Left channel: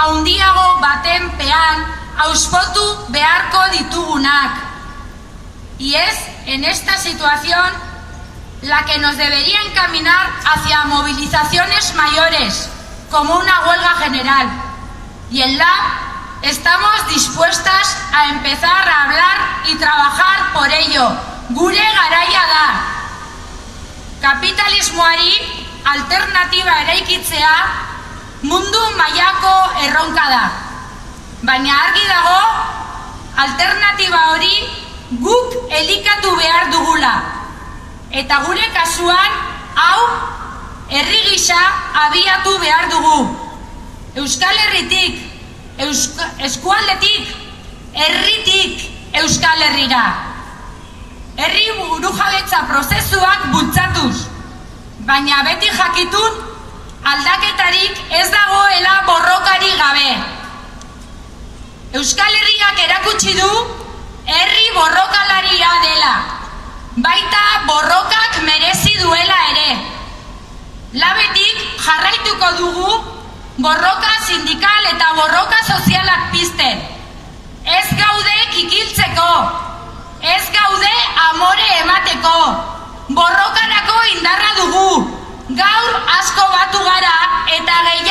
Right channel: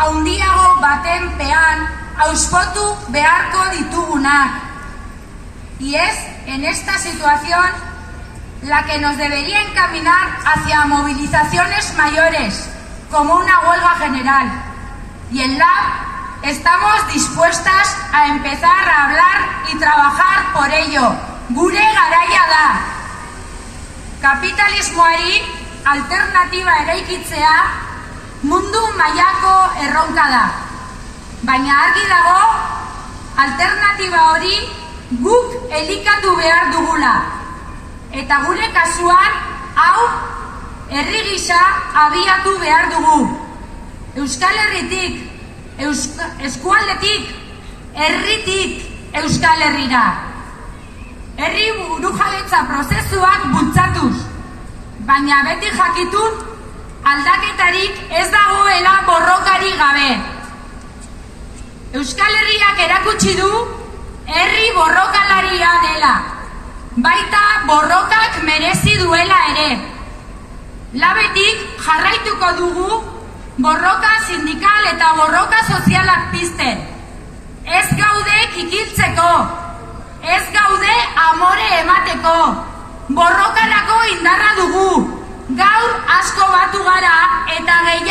handiago baten pean auspotu beharko ditugunak. Y es en esta situación la que nos debería encaminar hacia movilizaciones mayores, como una huelga general. Y en LAB estamos dispuestas a empezar a hablar y trabajar por ello. Gure garaia da. Kapitalismoari alternatiba eraikitzea mundu mailako erronka da. Baina argi dago, alternatiba hori guk elikatu behar dugula. Eta gure kasuan, hau, herri gisa abiatu behar dugu. Euskal Herritik, eskualdetik, herritik Euskal Herrira. Herri burujabetza prozesuak bultzatuz, baina beti jakitun aldaketarik ez dagoela borrokari gabe. Euskal Herriak erakutsi du herri borrokalaria dela, baita borrokak merezi duela ere. Labetik jarraituko dugu borroka sindikal eta borroka sozialak pizten. Ez gaude kikiltzeko, ez gaude amore emateko, borrokarako indarra dugu. Gaur asko batu gara eta gehiago